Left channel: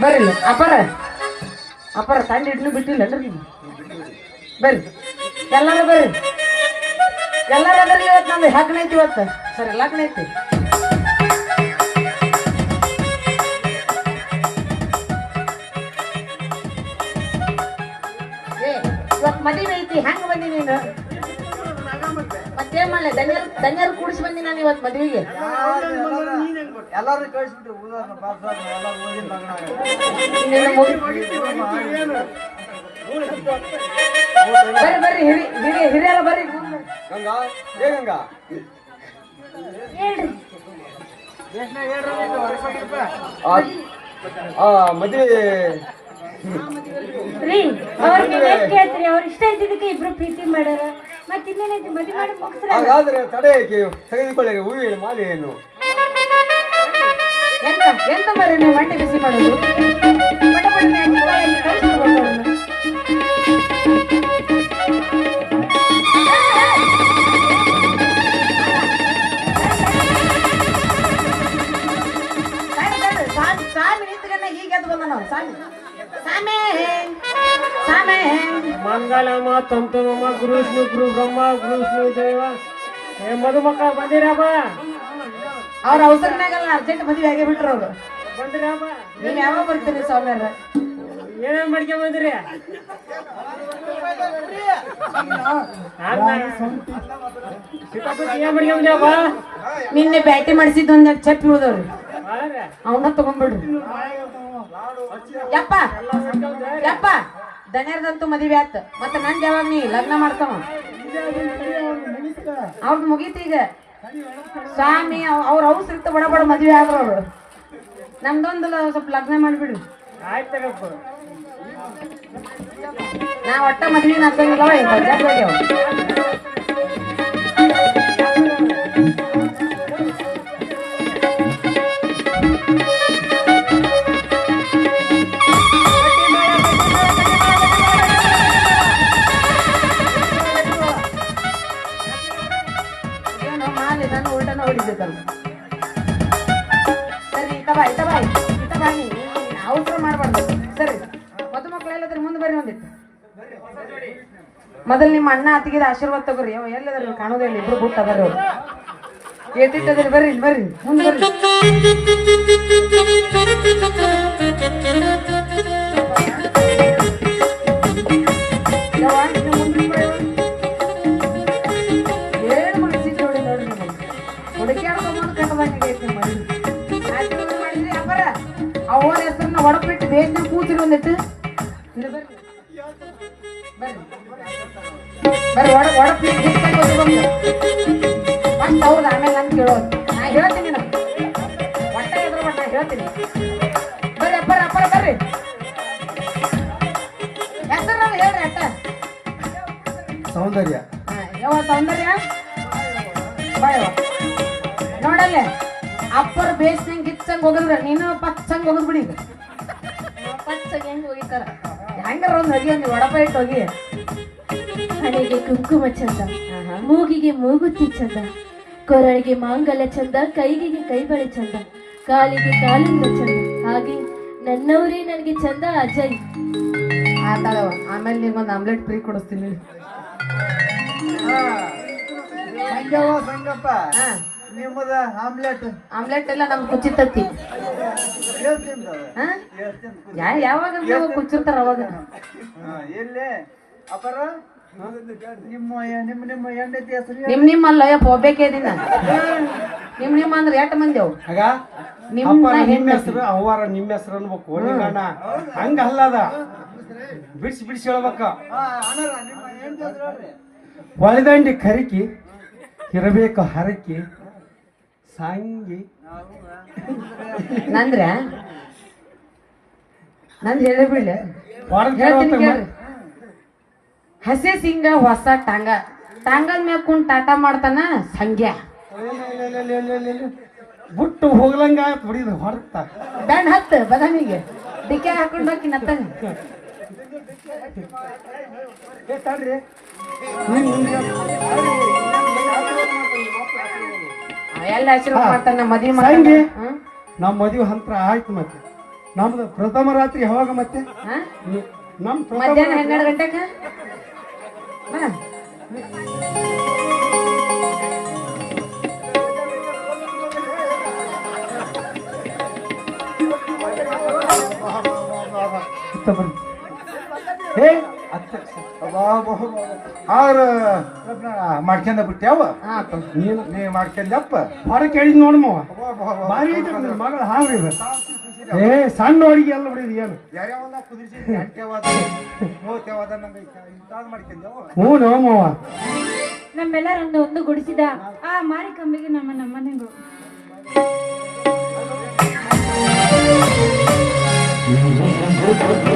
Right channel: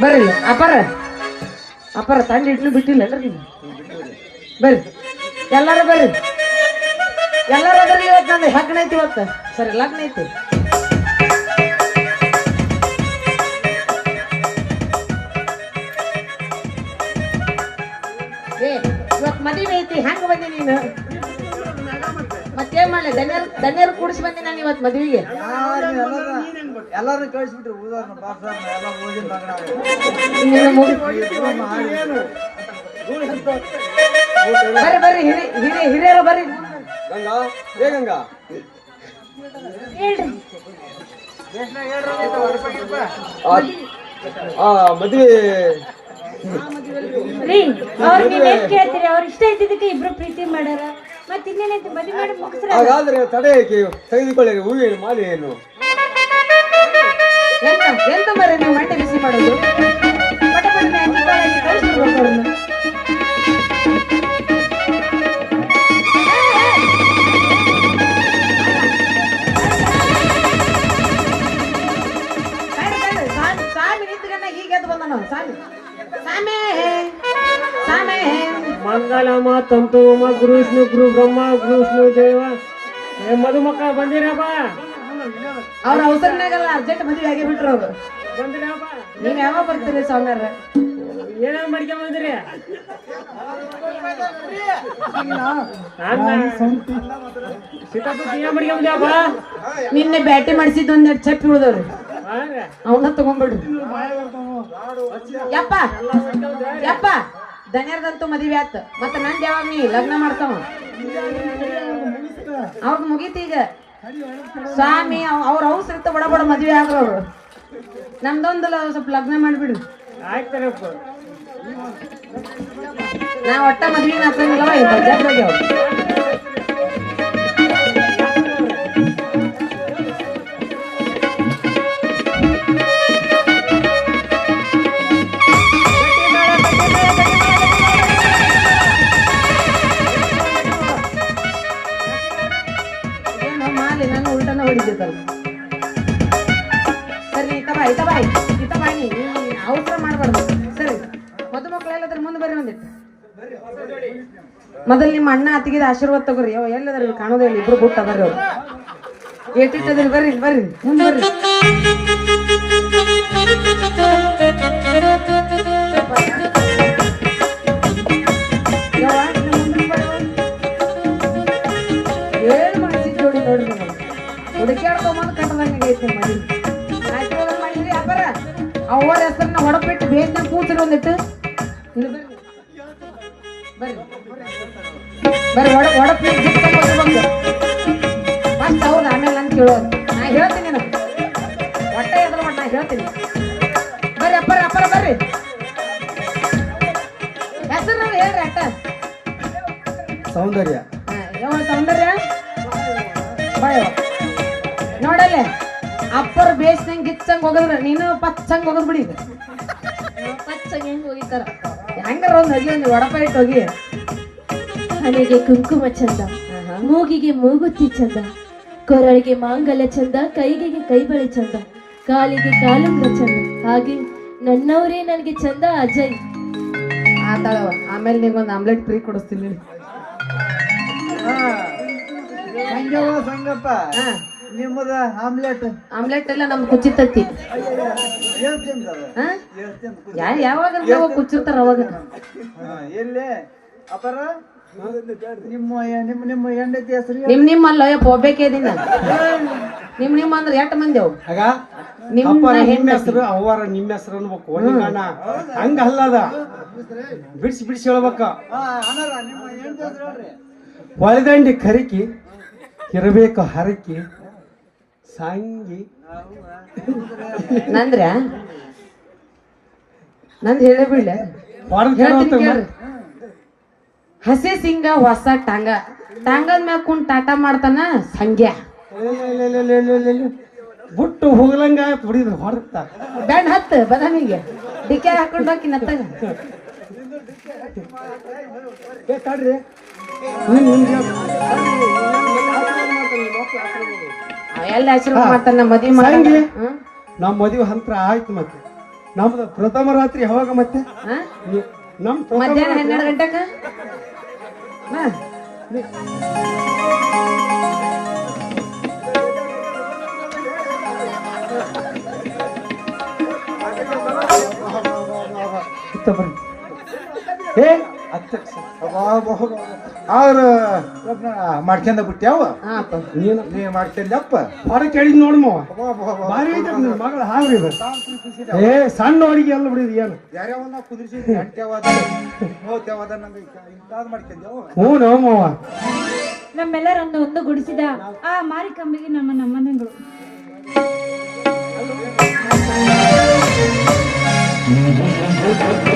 ಬರ್ರಿ ಅಪ್ಪರ ಅಪ್ಪರ ತಂಡ ಇಡ್ಲಿ ಬಿಟ್ಟಿಲ್ಲ ಬರ್ರಿ ಎಲ್ಲಾರು ಬರ್ರಿ ಎಲ್ಲಾರು ಬರ್ರಿ ಇವತ್ತು ನಮ್ದು ಲಗ್ನ ಐತಿ ಇವತ್ತು ಸರಿ ಲಗ್ನ ಐತಿ ಇವತ್ತು ಮದುವೆ ಐತಿ ಹೆಂಗ್ ಬಂದಿ ನೀನು ಮತ್ತೇನ್ ಮಾಡ್ಲೆ ಧನ್ಯರು ಕೂಡಿಸಿ ಬಂದಿ ನಾನು ಇವತ್ತು ಮದುವೆಗೆ ಎಲ್ಲಾರು ಕಳಿಸ್ಬಿಟ್ರು ಬರ್ರಿ ಬರ್ರಿ ಹಿರಿಯರು ಬರ್ರಿ ಗಂಗಾ ಮದುವೆ ರೀ ಅವ್ರಿಗೆ ಕೇಳ್ತೀರಿ ಅವ್ರ ಇಷ್ಟ ಇದ್ದಿದ್ದಕ್ಕೆ ಇಬ್ರು ಪ್ರೀತಿ ಮಾಡ್ಯಾರ ಮತ್ತೆ ಇನ್ನೇನೈತಿ ಮದುವೆ ಮಾಡಿ ಮುಗಿಸ್ರ ಹಾಗಾದ್ರೆ ತಡೆ ತೆಗೆದುಕೊಳ್ಳಿ ಹೂವಿನ ಮಾಲೆಯನ್ನು ಎಂತ ಬರ್ರಿ ನೀವು ಬಟ್ಟೆ ಬಿಸಿ ಮಾಡೋದು ಬಟ್ಟೆ ಸಾಮಿ ನಿಂತ್ಕೊಂಡ ಹೀಗೆ ಎದ್ದು ಬಂದ ನಾವು ಸಾಮಿ ಸಾಮೆ ಸಾಮೆ ಮಂಗಲಮ ತಂತು ಗುರು ವಿಷ್ಣು ಗುರು ಬ್ರಹ್ಮ ಗುರು ವಿಷ್ಣು ದೇವ ಮದುಮಕ್ಕಳ ಬಂದಿರಪ್ಪ ಅವ್ರ ಅವಸರನಾಗಲ್ಲ ಅರ್ಜೆಂಟ್ ಮದುವೆ ಆಗೇ ಬಿಟ್ರು ಅವ್ರು ಬಂದಿರಪ್ಪ ನೀವ್ ಯಾವಾಗ ಬರ್ತೀರಿ ಸ್ವಾಮ್ಯಾರ ಏನೇನ್ ಮಾಡ್ಕೊಂಡ್ ಬಂದಿರಿ ಸಿಕ್ಕಾಪಟ್ಟಿ ಏನ್ ಮಾಡ್ಕೊಂಡ್ ಬಂದ್ಯಪ್ಪ ನಿನ್ನೆ ಬ್ಯಾಟಿ ಮಾಡಿಸಿದ್ ಒಂದೆರಡು ಚಪ್ಪಿ ಉಳಿದವ್ರಿ ಅವನ್ನ ತಗೊಂಡ್ಬಿಡ್ರಿ ಯಪ್ಪ ಯಪ್ಪ ದಣ್ಯರ್ದಂತೂ ಮದುವೆ ಆತ್ ಮತ್ತ ನಂದ್ ಯಾವಾಗ ನೀ ಲಗ್ನ ಮಾಡ್ತಾವ ಅವ್ರದ್ ಮುಗೀತಿ ಈಗ ಸ್ವಾಮಿ ಅವ್ರ ಅವಸರತ್ತ ಬಡ ಬಡ ಮದುವೆ ಆದ್ರ ಅವ್ರು ನಮ್ದೊಂದು ಸ್ವಲ್ಪ ಲಗ್ನ ಮಾಡ್ಬಿಡು ಆಯ್ತಾರಪ್ಪ ನಾ ಒಟ್ಟ ಮದ್ವೆ ಹಾಕಂಗಿಲ್ಲ ಮಾಲಿ ನಾನು ಉಲ್ಟನ ಹೊಡಿದ್ದ ಸರಿ ಇತ ಬಾಯಿ ಅವಸರ ಮಾಡ್ಬಾರ್ದು ಸರಿ ಮದುಮಕ್ಳೆಲ್ಲದ್ರ ಮುಂದೆ ಬರ್ರಿ ಒಂದಿತ್ತು ಮೊದಲು ನಿಮ್ಮ ಅಣ್ಣ ಅತ್ತಿಗಿದ ಆಶೀರ್ವಾದ ತಗೋರಿ ಅವ ಎಲ್ಲದ್ರ ಕಾಣೋದೇ ಇಲ್ಲ ಇಬ್ರು ಬಿಟ್ಟ ಬರ್ರಿ ಅವ್ರು ಏಟಿಟ್ಟದ್ರಿ ಬರ್ರಿ ಮುಂದೆ ಬರ್ರಿ ಏಳು ಮಾಡಿಸಿದ್ ಜೋಡಿ ನೋಡ್ರಿ ಹುಡುಕ್ಯಾಡ್ಕೊಂಬಂದು ಕಟ್ಟದಂಗೆ ಮಾಡಿದ್ರಿ ಅಬ್ಬರ ಅವರ ಹೆಸರನ್ನ ಹೊಡಬಿಟ್ಟು ಬೇಸ್ನ ಕೂತ್ರಿ ಒಂದಿಟ್ಟು ಬರ್ರಿ ಹೊಡಬಿಟ್ಟು ಫಸ್ಟ್ ಅವ್ರದ್ದು ಆಮೇಲೆ ನಂಗೆ ಕೇಳೋದು ನಾ ಹೇಳ್ತೀನಿ ನಾನು ಹೊಟ್ಟೆ ಎದ್ರ ನಾ ಹೇಳ್ತೀನಿ ಬರ್ರಿ ಅಪ್ಪರ ಬರ್ರಿ ಹೆಸರು ಹೇಳ್ರಿ ಅಟ್ಟ ಸೌಂದರ್ಯ ಯಾವ ಸೌಂದರ್ಯ ನೋಡಲ್ಲ ಅಪ್ಪರ್ ಬೇಸ್ನಂಗ್ ಗಿಚ್ಚಂಗ್ ಹೋಗದ್ರ ನೀನು ಪಚ್ಚಂಗ್ ಹೋಗದ್ ಬಿಡಿ ಪಚ್ಚಂಗ್ ಹೆಂಗ್ ಹೋಗಿತಾರ ಹೆಂಗಾರ ಒಂದ್ ಹೋಗಿ ಒಂದು ಒಡಪ ಇಟ್ಟು ಹೋಗಿ ಹಣೆಗೆ ಕುಂಕುಮ ಚಂದ ಮೂಗಿಗೆ ಮೂಗುತಿ ಚಂದ ಕೊರಳಿಗೆ ಮಾಂಗಲ್ಯ ಚಂದ ಕೈಗೆ ಕೈಬಳೆ ಚಂದ ಕಾಲಿಗೆ ಕಾಲುಂಗ ಚಂದ ಹಾಗೆ ನನ್ನವರೇ ನನಗೆ ಚಂದ ಅಜಯ್ ಆತ ಆಮೇಲೆ ನಿಮ್ಗೊಂದು ಆಮ್ಲೆಟ್ ಫ್ರೀ ಕೊಡಿಸ್ತೀನಿ ಸಂಗಪ್ಪ ನಿಮ್ಮದ ಆಮ್ಲೆಟ್ ಎಲ್ಲ ನಮ್ಗೆ ಕುಚ್ಚಿತತ್ತಿ ಯಾವಾಗ ಕುಚ್ಚಿರ್ತಾರ ಅವಾಗ ಎಲ್ಲೇ ಅಪರ ನಿಮ್ಮ ಹೆಂಡತಿ ಹೆಸರು ನಿಮ್ಮ ಅಲ್ಲ ಯಪ್ಪ ಒಬ್ಬೇಕೆ ದಿನ ನಿಮ್ಮ ಅಂದ್ರೆ ಎಷ್ಟು ಮಂದಿ ಅವು ಆಗ ನಿಮ್ಮ ಹೆಸರು ಅವರ ನಿಮ್ಮ ಹೆಸರು ಅನ್ಬೇಕು ನಿಮ್ಮಣ್ಣ ಹಂಗ ಅಲ್ಲದ ಬಿಡಿಸಿ ಹೇಳ್ಬೇಕ ಹೊಳೆದಂಡಿ ಕರಿಕಿ ಇರಬೇಕು ಹರಕಿ ಸಂಗಿ ನಂದ್ರೆ ನಂದು ಹೇಳಿ ಬಿಡ್ಲ ಹೇಳ್ತೀನಿ ಕೇಳ್ರಿ ಹಸಿ ಸಿಂಗ ಹೊಸ ಟಾಂಗದ ಮ್ಯಾಗ ಕುಂಡ್ ಟಾಟಾ ಮಾಡ್ತಾನ ಸಂಗ್ಯ ಬಿಟ್ಟು ಹೋಗ್ಲಂಗ ಹೊಡಿದ ಹೊರತ ಬ್ಯಾಂಡ್ ಹತ್ತು ಬದಾಮಿಗೆ ಡಿಕೆ ಹಾಕೊಂಡು ಹೋಗಿ ನತ್ತಾಗ ಎಲ್ಲ ಆಶೀರ್ವಾದ ಮಾಡ್ತಾನ ಮದ್ವಿ ಮಾಡಿ ನಮ್ಮ ಮದುವೆ ಹಂತ್ರ ಆಯ್ತು ಮತ್ತೆ ನಮ್ದು ಪ್ರಥಮ ರಾತ್ರಿ ಯಾವಾಗ ಮತ್ತೆ ಹಾ ನಮ್ ಮಧ್ಯಾಹ್ನ 12 ಗಂಟೆಗ ಹಾ ಏ ಅವ್ರು ಮಾಡ್ಕೊಂಡ ಬಿಟ್ಟ್ಯಾವ ಹಾ ಅಪ್ಪ ನೀ ಮಾಡ್ಕೊಂಡಪ್ಪ ಹೊರ ಕೇಳಿದ್ ನೋಡಮ್ಮವ ಭಾರಿ ಐತೆ ನಿನ್ ಮಗಳ ಹಾಂಗ್ರಿ ಇದು. ಏ ಸಣ್ಣ ಅಡಿಗೆ ಎಲ್ಲ ಬಿಡಿದ್ ಏನು ಯಾರ್ಯಾವನ್ನ ಕುದಿಸಿ ಗಂಟ್ಯಾವಾದ ಮೂವತ್ಯಾವಾದ ನಂಗೆ ಇಂತಾದ್ ಮಾಡ್ಕೊಂಡ್ಯಾವ ಹ್ಞೂ ನಮ್ಮವ ನಮ್ಮೆಲ್ಲರೊಂದು ಒಂದು ಗುಡಿಸಿದ ಆ ಮಾರಿಕಂಬಿಗೆ ನಮ್ಮನೆಗಳು ¡Gracias!